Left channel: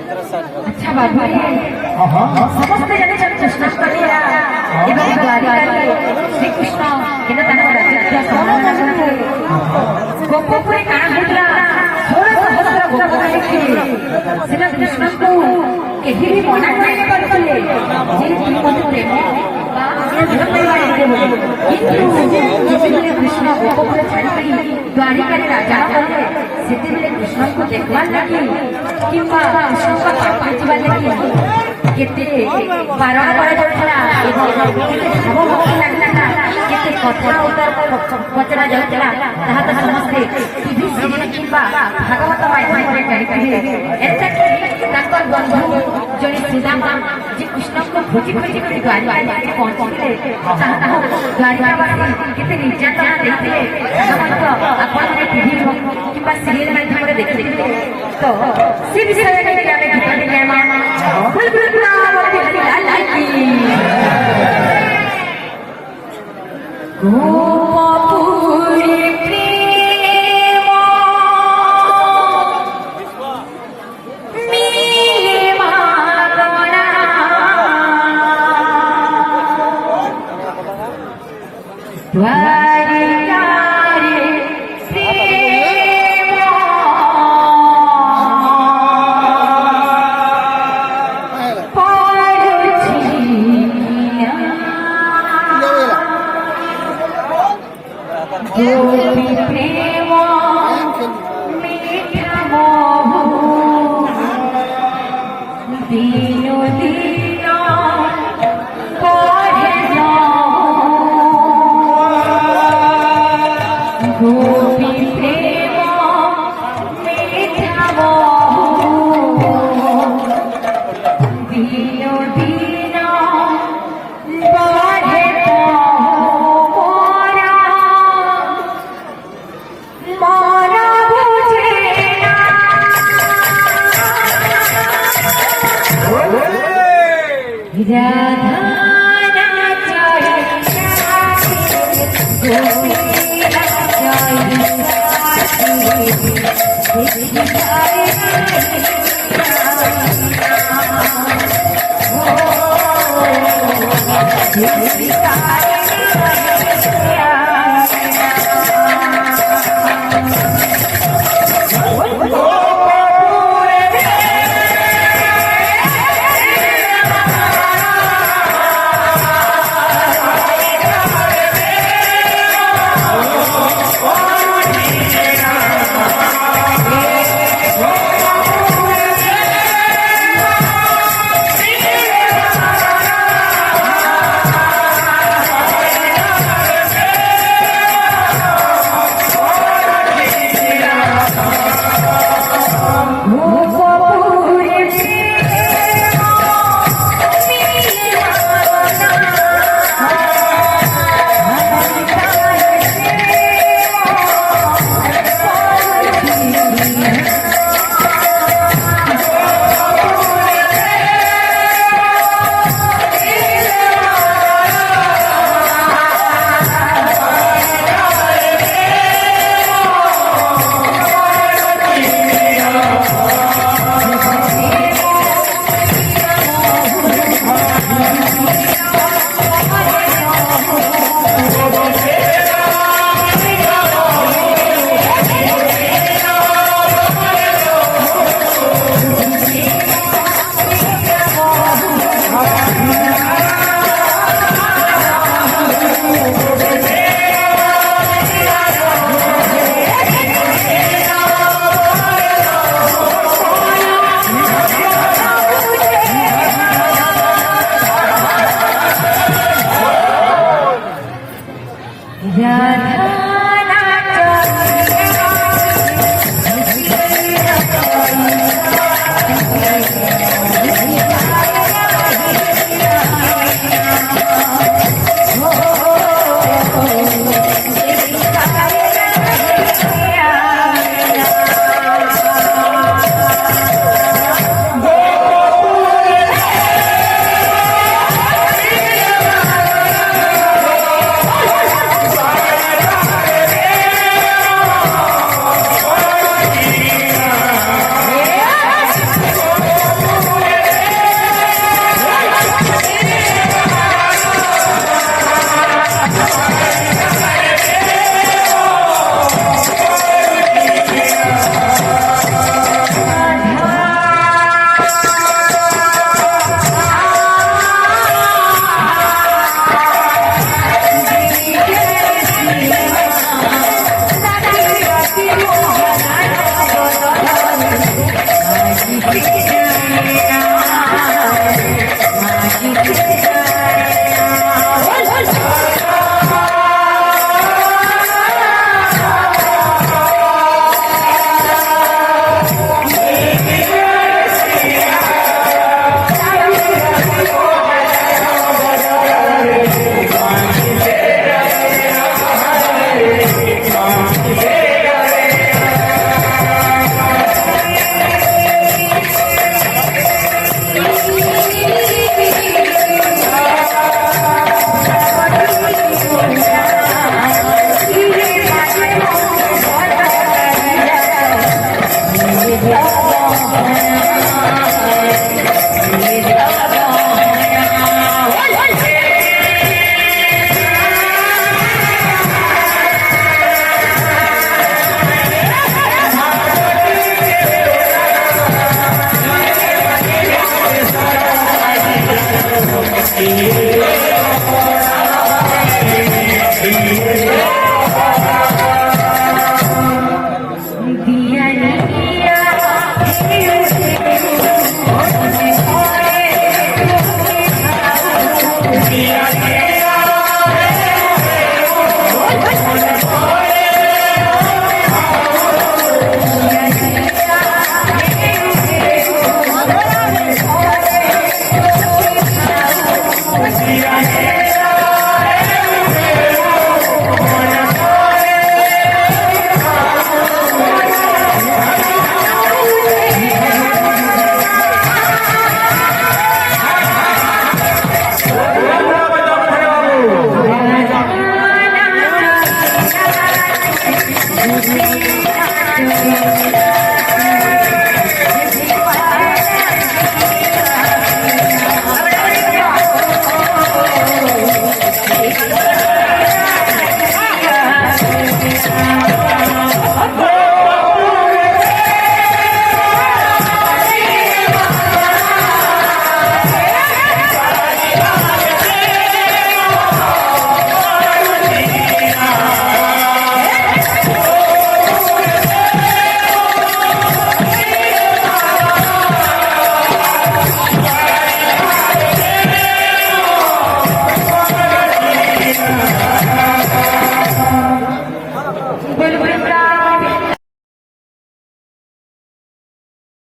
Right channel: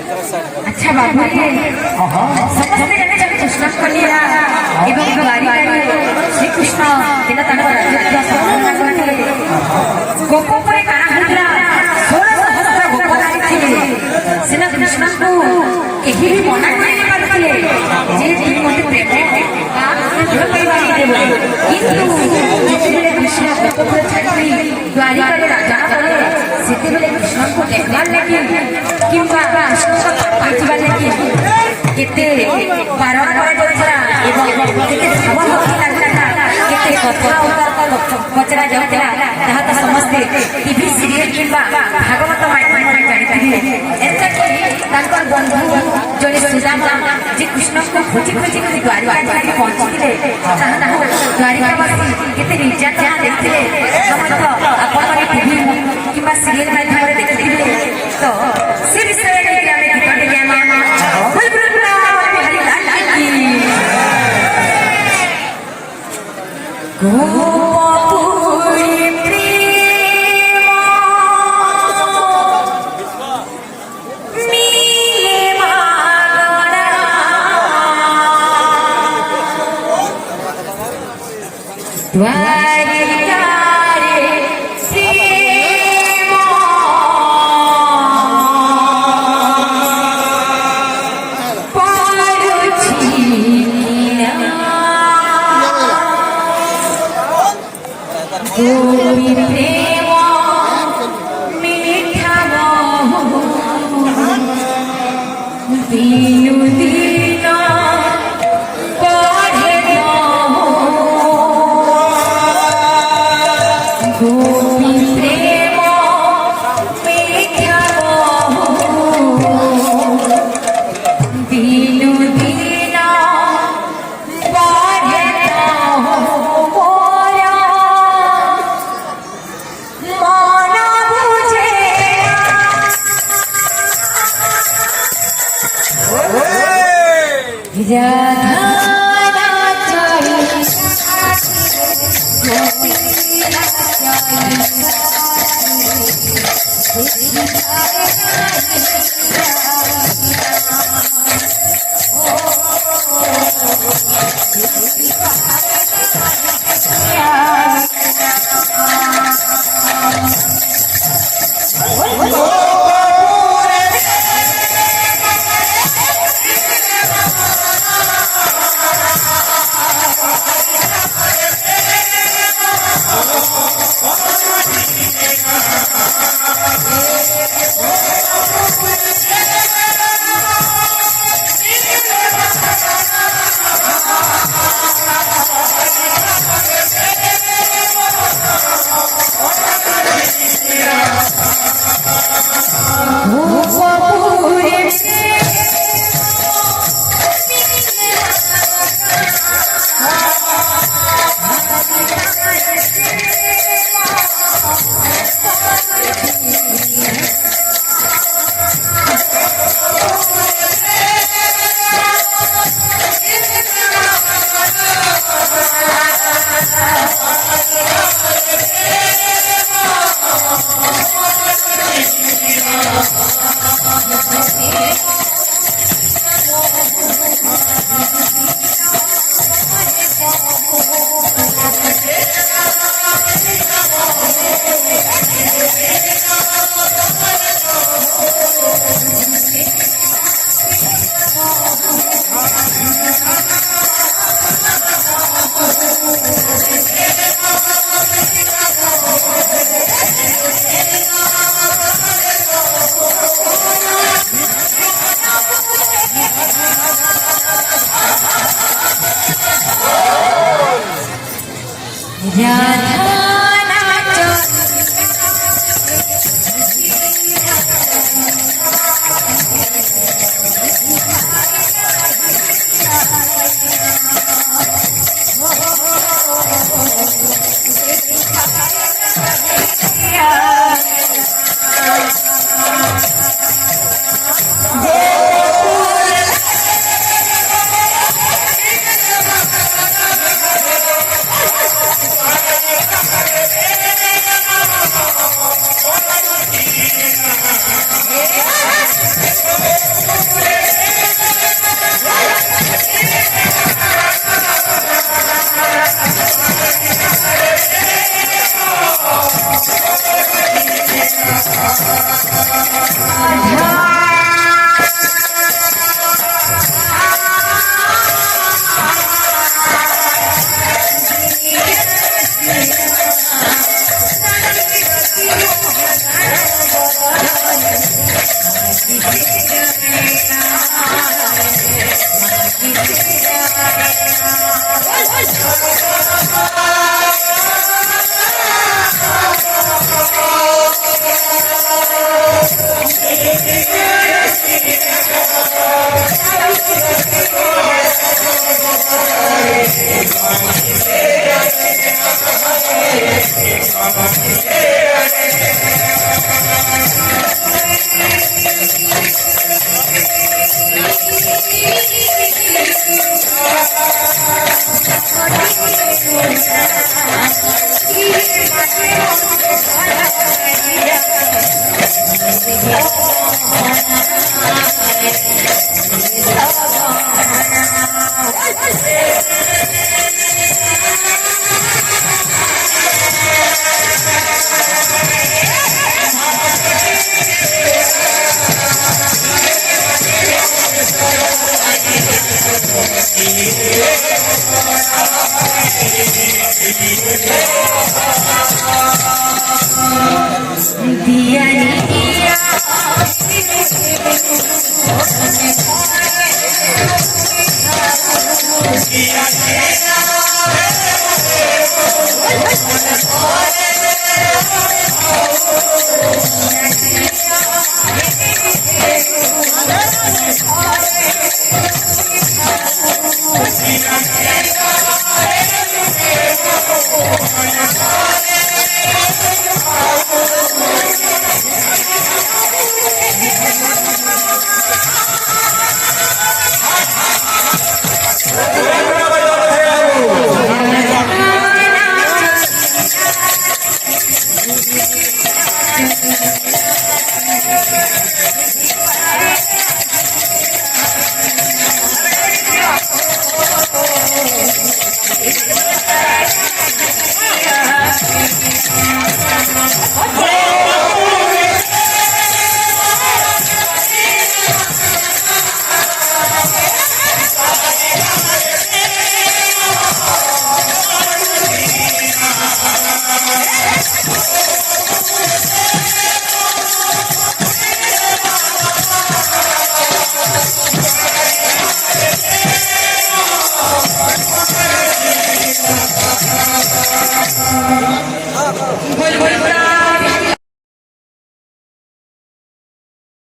अच्छा बाबू समस्त जने जब कृष्ण कन्या एवं द्वारिका श्री कृष्ण दिन तक राजत्व समाप्त करके गोपपुरे काना होतला 16 सहस्र गोपपुरे थे सेना कृष्ण को केही भी मना नहीं करथिले जे तुम मते प्रेम जो परिवार देबो किंतु जेते कृष्ण गोपपुरे छाड़ी द्वारिका रे राजा बने सेते बेले कृष्ण को देखवार लागि किंबा कृष्ण का पापी जीवा लागि केते बारण करा जाउतला एवं केते जीवन होती लागला केते कचरा जाउतला ताहा त समस्त टीवी सीरियल किंबा भागवत माध्यम रे जानिथिबे एता कि तांकर बंधु जने सुदामा जे कृष्ण को खोजी खोजी के द्वारिका रे पहुंचले ताहा द्वारिका केते निर्यातना देखिले समस्त आपण माने टीवी किंबा सीरियल माध्यम रे देखिले तो से विषय रे हमें गीत रे कोई गुरुना बिहारी लाल की गोपुरी प्रेम मीमा गणा द्वारिका रे प्रेम गोपी प्रेम मीठा बहु दीनु दीन पढ़े गोपी प्रेम मीठा बहु दीनु दीन पढ़े राधा